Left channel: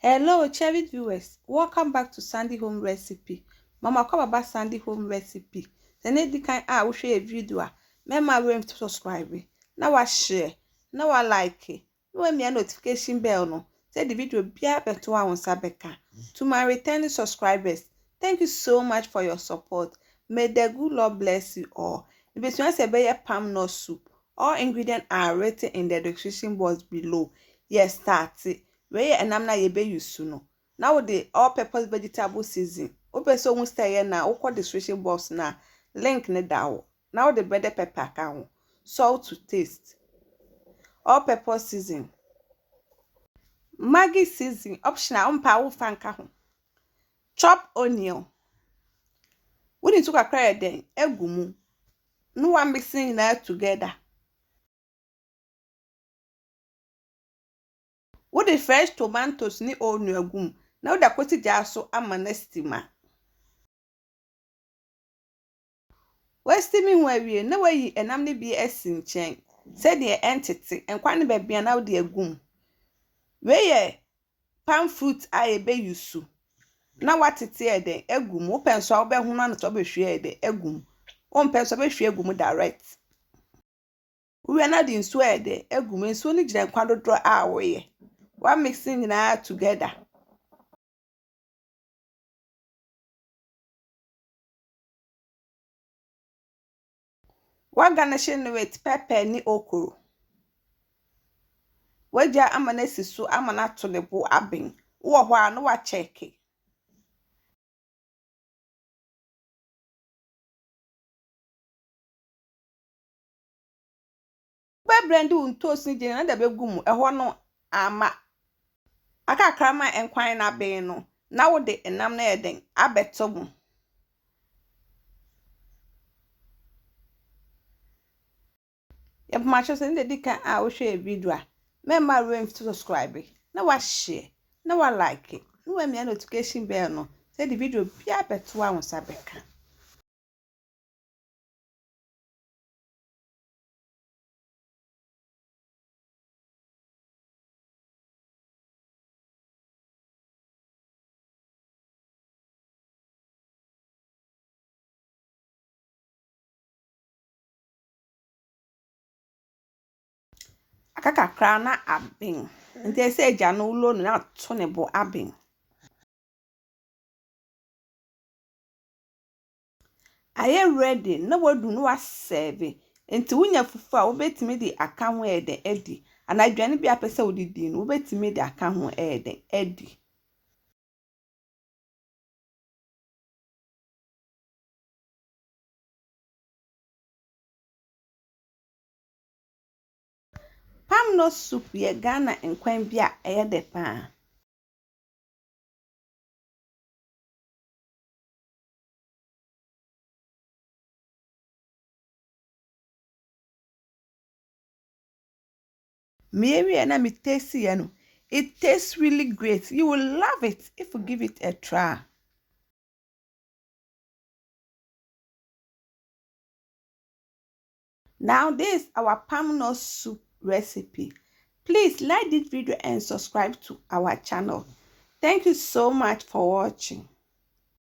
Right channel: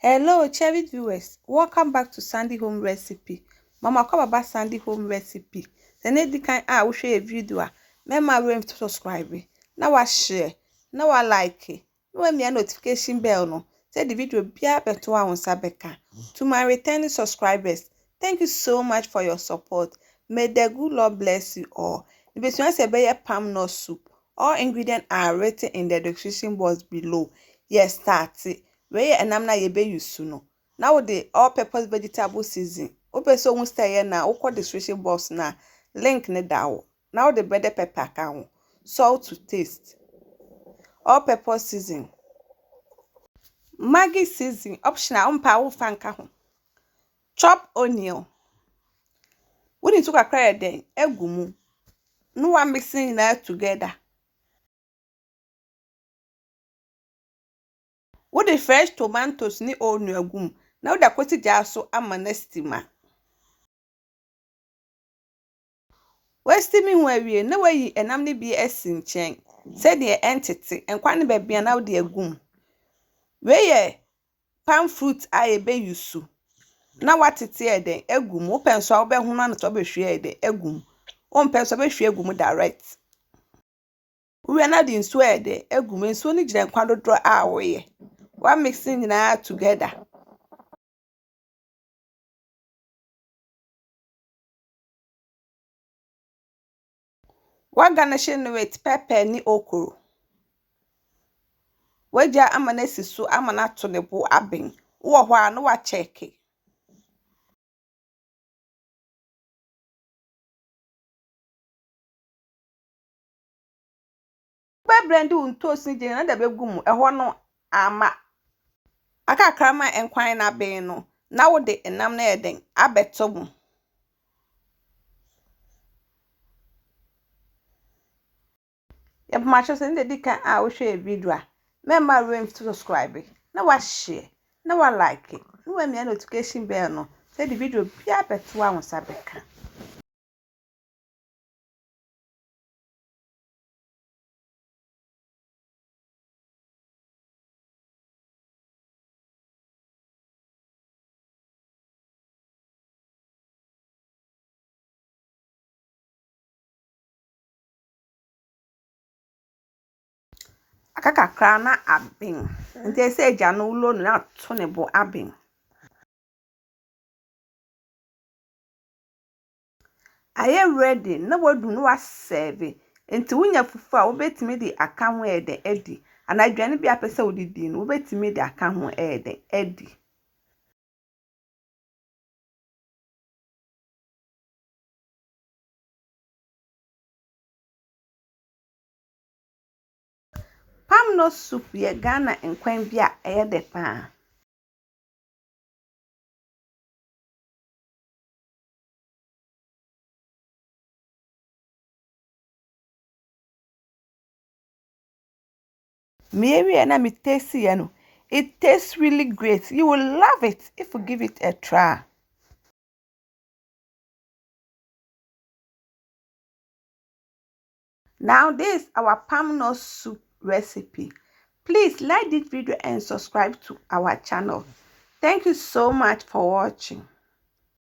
Hello, cherished viewers. Welcome back to Sandy Home Recipe. Mama come about Sandy Home Recipe. The need kind we share a video. Remember we to subscribe. Now I share. Now I like it. Now me a notification bell no. Say the video be up to our Sabeka. To my returning subscribers, thank you so much for your support. May the good Lord bless you all. The between say be palm nut soup. All ingredients are written in the description box below. Yes, start it. Where and I'm not able use no. Now the all-purpose vegetable season. Open so won't stay now. Oko description box na link ne down. Now the bread pepper can salt to taste. All-purpose season. Maggi season optional. Wo fanka ho. Chop onion. We need to cry then. Egumu. No one mixing that together. What the fresh tomatoes ni onion agum. Now the kwoti jaso amanestima. Westimi ho awie na wayi enam ne bi esi nchen said the entity enkwa ne ba bia na wo de agum we ye palm fruit a be yusu na watete e den agum wo penso a wo be hu na to be hwe e den agum wo penso be hwe agum direct we na di nso e den agum nso ni gire nkwa dodro a wo ye wa mixing na together. Wa garnish with pepper ni okro. Waja amana sisu amana to ne bo aben. Wo ho a no wa check. Ba brand untoast ni je na da begum eho no ama. Aka krama enkwan na ben no. Na wo de enam na eden abeto mu. Yep, my chosen the dick I will share a video. Remember room to subscribe. Now I share. Now I like it. No when me notification bell no. Say the video be up at 2 hours Sabeka. Akaka krana abin. And they say Jano loan not tonable abin. I am ready. No one do no serve. Into when you fufa, obey me the account where the Eddie. And I join be a person with the dean, obey me the account where the Eddie. Palm nut soup ye Ghana and Quambia air de pan. Mary and I taste it. It tastes really great. You will love it if you give it a try. Now this is our palm nut soup recipe. Please like this video and subscribe to our channel. Thank you so much for watching.